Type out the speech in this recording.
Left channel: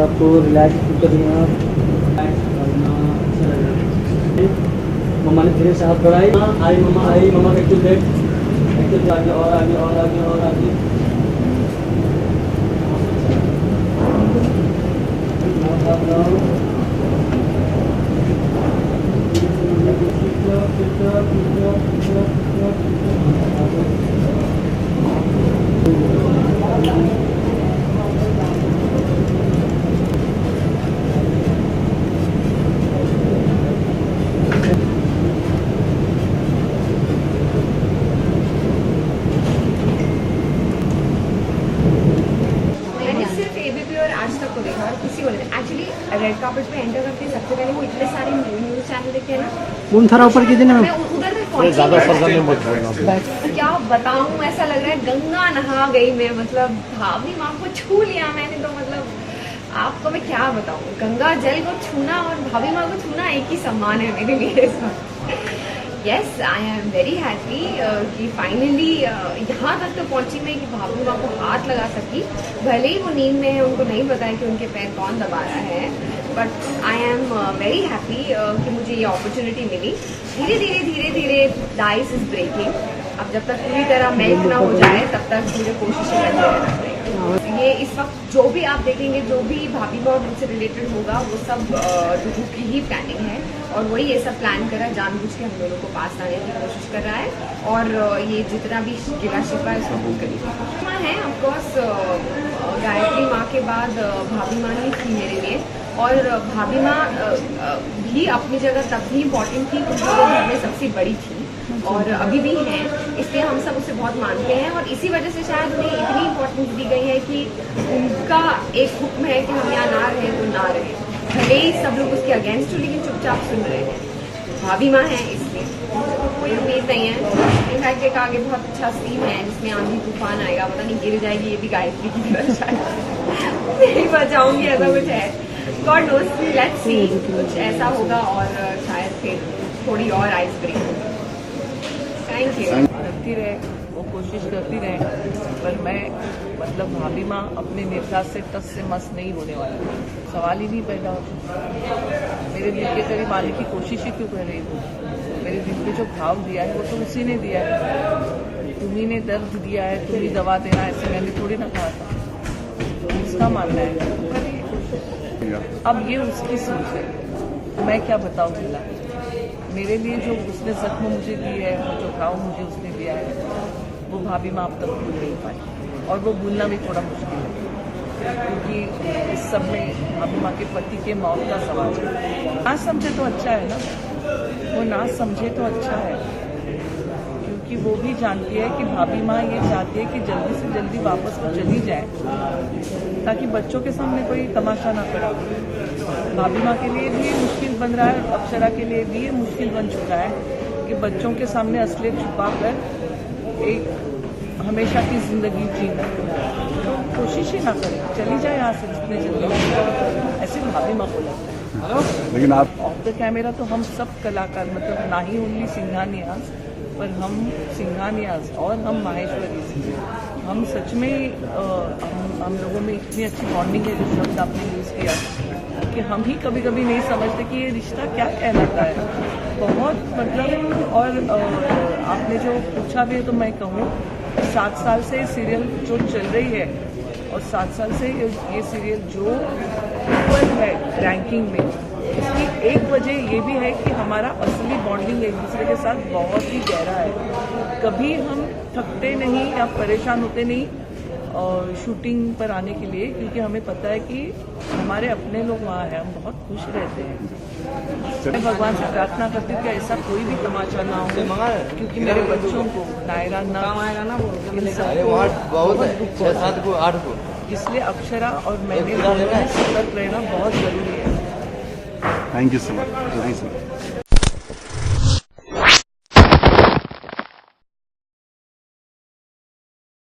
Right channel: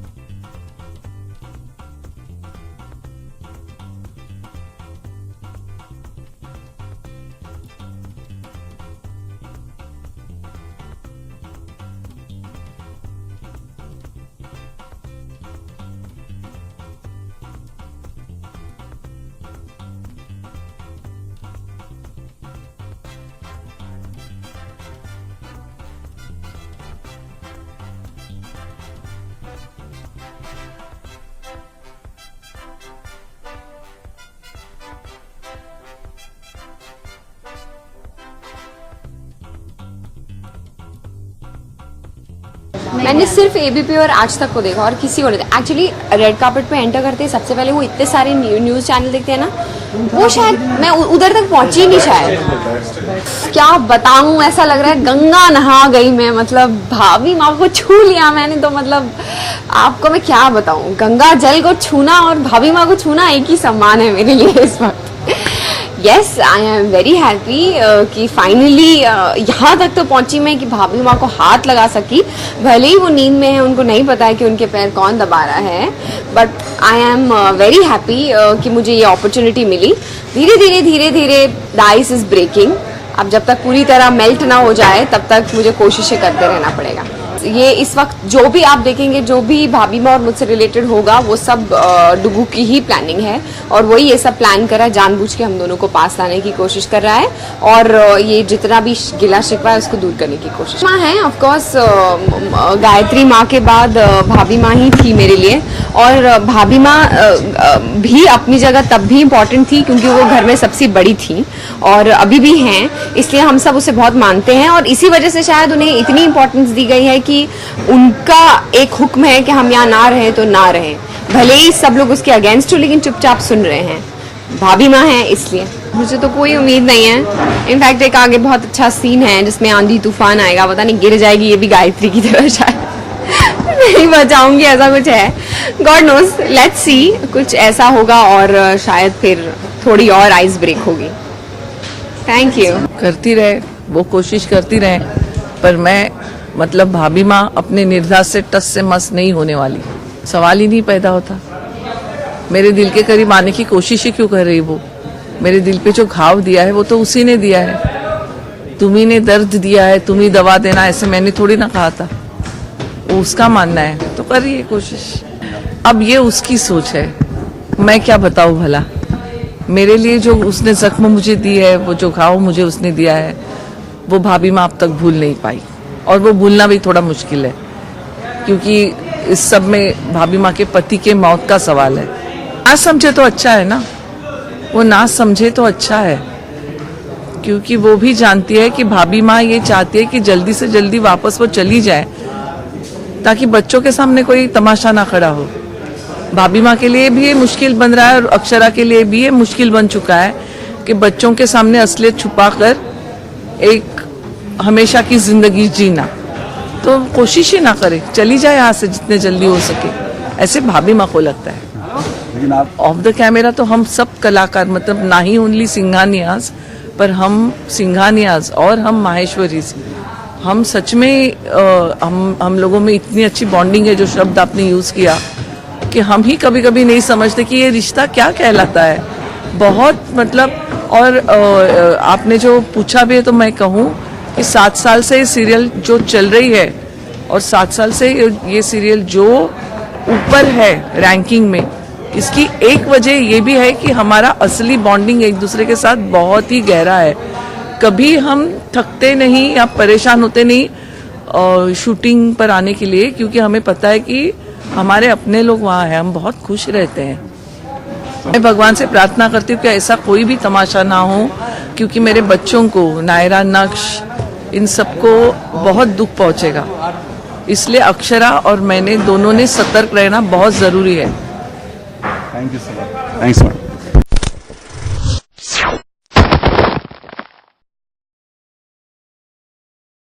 आपको रिलैक्स कर दिया। मम्मा ने धीरे से हाथ बढ़ाई, आई मम्मा का एक्टिव आगे और आगे और आगे और आगे। मैंने सिर्फ एबीपी और आज तक को देखा और किसी को नहीं देखा। एक्चुअली रेड कार्पेट पे एंटर करते हैं सबसे पहले वो इतने सारे न्यूज़ चैनल देखते हैं ना, वो शायद मैं उधर तक पहुंची नहीं शायद। क्या बताऊं, ऐसा लग रहा है गंगा नहा गई मैं, मतलब भाभी माँ को छू लिया मैंने। तो मतलब आपको मैं क्या बताऊं, गंगा जल को छूना और भाभी माँ को छूना एक ही सम्मान है मेरे लिए इस वक्त। Yes, I am very happy कि फाइनली यहाँ तक तो पहुँची मैं कि भाभी माँ को हाथ लगा सकी। भले ही वो नींद में है, उनको नहीं पता है कि उनके पैर कौन दबा रहा है, but I am very happy कि मुझे ये अपॉर्चुनिटी मिली। धीरे धीरे द आइस इज ब्रेकिंग। अब जब तक पूरी तरह मेल्ट ना हो जाए तब तक मुझे कोशिशें करते रहना पड़ेगा। ये इस वक्त जो भी आप देखेंगे, जो भी भाभी माँ और मुझसे रिलेटेड होगा, वो सब डुगू की ही प्लानिंग है और वही ये सब प्लान कर रहा है, जानबूझ के हम दोनों को पास लाने की कोशिश कर रहा है और ये जितना भी गिला शिकवा है उसको दूर करने की कोशिश। माँ है ऑफ कोर्स, गायत्री माँ के बाद भाभी माँ ही थी मेरे लिए। और भाभी माँ भी अपनी जगह तब भी इम्पोर्टेंट थी क्योंकि वो घर में सबसे बड़ी थी और अभी भी हैं, इसलिए हम सब उसे बहुत मानते हैं और इसी वजह से शायद उन्हें इतनी इम्पोर्टेंस दी गई है कि उनका एक हुक्म है कि हम यहाँ ना रहें तो ना रहें। भले ही सब लोग उसके अगेंस्ट हो लेकिन चुपचाप सुन रहे हैं। भाभी माँ है इसलिए। मुझे तो कोई उम्मीद नहीं है। इनफैक्ट एक आगे बहुत अच्छा सीन है जिसमें आंधी तूफान आएगा, पता नहीं गिर जाएगी ये भी गायत्री की तरह शायद नहीं बचाऊंगी, ऐसा कुछ है। गॉड नोज, लेट्स सी, कुछ ऐसा होगा और शायद फिर थोड़ी और आइस ब्रेक होगी। Thank you. करती रहे, वो कोशिश करती रहे, पर मैं मतलब भाभी माँ अपने निर्धार से टस से मस नहीं होने वाली, सवाल ही नहीं पैदा होता। मेरे दिल के करीब आने की कोशिश ही क्यों कर रही वो? मेरे दिल पे जो घाव दिया है वो तो उसी ने दिया है। तुम्ही ने दर्द दिया है, तुम ही दवा देना, ऐसे मैंने थोड़ी ना कहा था। वो उसका मानना है तो कर रही है कोशिश। अब ये उसकी सोच है, मैं क्या बताऊँ भला। मेरे लिए जो उसने जख्म मुझे दी है, वो जो घाव मुझे उसने दिया है, वो भाभी माँ अब तक भूल नहीं पाई और वो भूलना भी थोड़ा मुश्किल है क्योंकि इस सब में भाभी माँ के पति के मौत का सवाल है। ना समझे तो अच्छा है ना, वो ना समझे तो अच्छा है क्योंकि वो भी जानती है कि भाभी माँ ये चाहती है कि जल्दी से जल्दी वापस वो चली जाए ताकि बच्चों के सामने कोई तमाशा ना खड़ा हो। भाभी माँ के लिए भी ये मुश्किल बन रहा है और अक्षरा के लिए भी ये मुश्किल बन चुका है कि बच्चों के सामने असलियत छुपाकर एक हमेशा की जिंदगी जीना। तो कोशिश ही ना करे, चली जाए यहाँ से जितने जल्दी हो सके, ऐसे भाभी माँ को लगता है। ऑफ द कैमरा तो हम सब कलाकार, मतलब ना ही ओनली सिंघानियाज, पर हम सिंघानियाज और हम माहेश्वरी, हम सच में हम लोगों में इतनी अच्छी बॉन्डिंग है, जो शब्द आपने यूज़ किया, कि हम ही कभी कभी नहीं समझते कि ये रिश्ता क्या कहलाता है। बहुत मतलब, और आपने जो पूछा भी है तो मैं कहूँ कि 7 साल से ये सीरियल जो चल रही है और 7 साल से ये सीरियल जो ऊपर है रैंकिंग में, इसकी एक वजह ये भी है कि हमारा असली बॉन्डिंग एक दूसरे के साथ बहुत ही गहरा है। कभी हम थकते नहीं या परेशान होते नहीं शूटिंग पर आने के लिए, क्योंकि हमें पता है कि हमारे अपने लोग वहाँ हैं, हम बहुत खुश रहते हैं। मैं भगवान से प्रार्थना करती हूँ कि ऐसा कोई भी तमाशा ना हो, क्योंकि मेरे बच्चों को, नायरा, नक्श, इन सबको बहुत दुख पहुँचेगा। इसलिए अक्षरा और मैंने दोनों ने सतर्क रहना बहुत ज़रूरी है। Thank you so much. Thanks ma'am.